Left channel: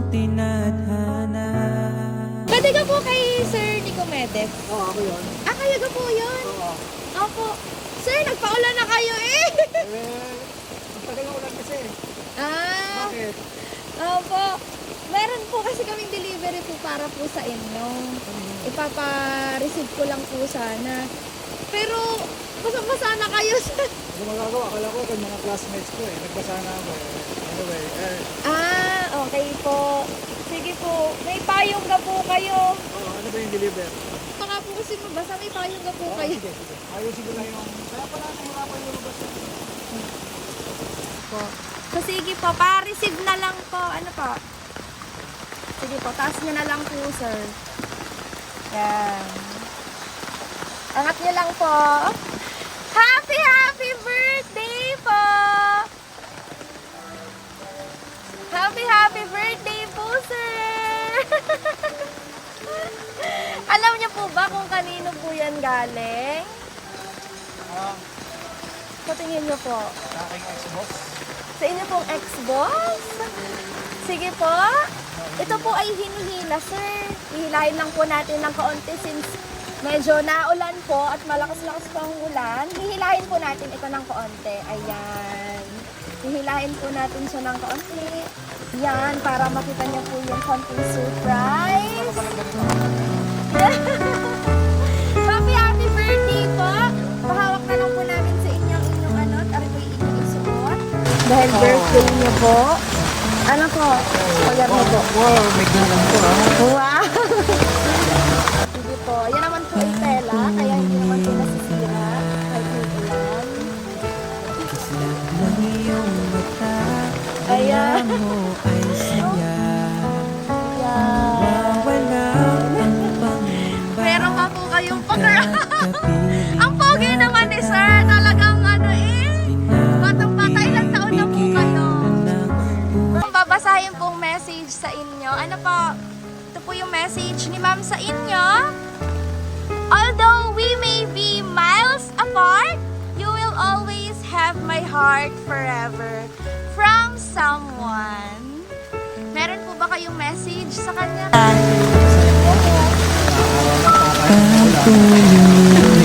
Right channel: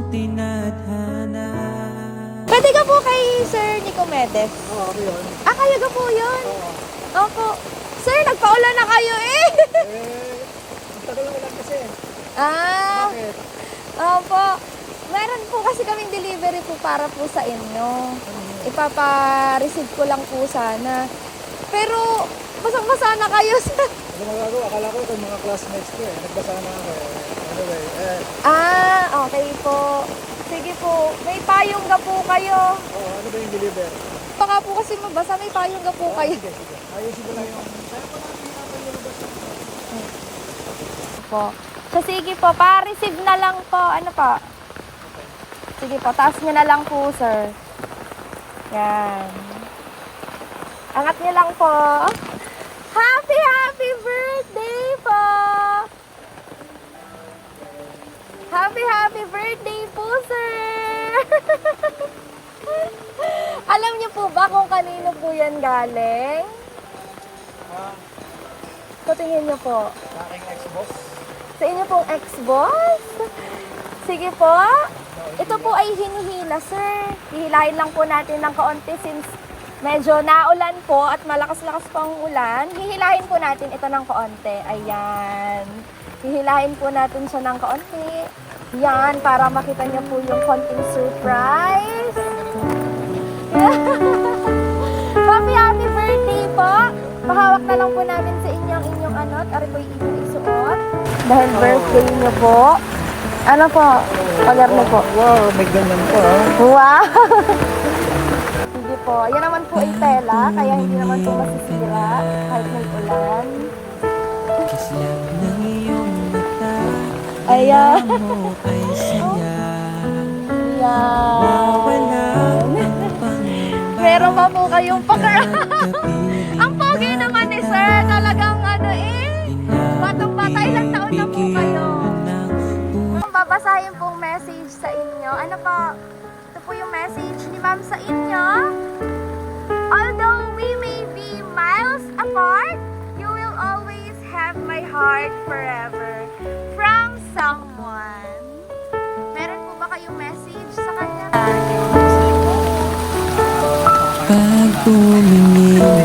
mong tinadhana. Pwede ka po kay Sir Nicomedes? Oo, ako yun. Ah, kayo ka po yun? Oo. Opo. Sir, nagpaulan na kayo eh! Ang tagal ang ulan kasi. Ah, Bakit? opo. Meron po kasi kaming delivery po para po sa inyo. Ipapa-receive ko lang po sana. Pero, basang-basa na kayo, sir. Ano magagawa? Akala ko yung mga classmates ko eh. Nagbasa na ako eh. Anyway, Ah, okay po. Sige po. May payong ka po kayo. ano ba yung deliver? Baka po kasi mabasa, may payong ka po kayo. Sige, sige. Ayusin ko lang yung... Kaya pala nahirapan yung mabasa. Po. So sige po, pa-receive na lang po. Ano pa? Sige po, taas nyo na lang po, sir. Yan. Angat nyo lang po. Happy, happy birthday po! Happy, happy birthday po, sir! Alam niyo po ba kung kanino po yan galing? So, tingin niyo po. Aking Xbox. Sa inyo pong ex-boss? Sige po. Ito po ay hinihila, sir. Hihilahin lang po natin ng kaunti since medyo naulan po at malakas-lakas po ang ulan. Hihilahin po natin ito ng kaunti. Ayan. Hihilahin po natin siya ng kaunti. Yan, para makita niyo po yung konting surprise. Happy, happy birthday po. Pahawak na lang po namin sa inyo ang inyong ano at ari po yung inyong isuot. Dahil birthday niyo po. Ano po? Pagar mo po. Wow, may ganyan po ah. Wow! Sige po. Yan naman po yung tela, kaya hindi naman po masisira kahit may ulan. Kislap ng iyong mata, Ayan. kaya mo ay saya. Yan. Wawala ang pangamba. Meron pa po kayong pakar. Kapiling Ang pogi naman ni sir. Talagang ano eh. Batang-bata, ilang taon na po kayo? Kung babasahin pong message sa inyo, ano po? Ito po yung message ni ma'am sa inyo. Although we may be miles apart, you will always have my heart forever. From someone. Meron po ba kayong message sa kanya? Pag tumingin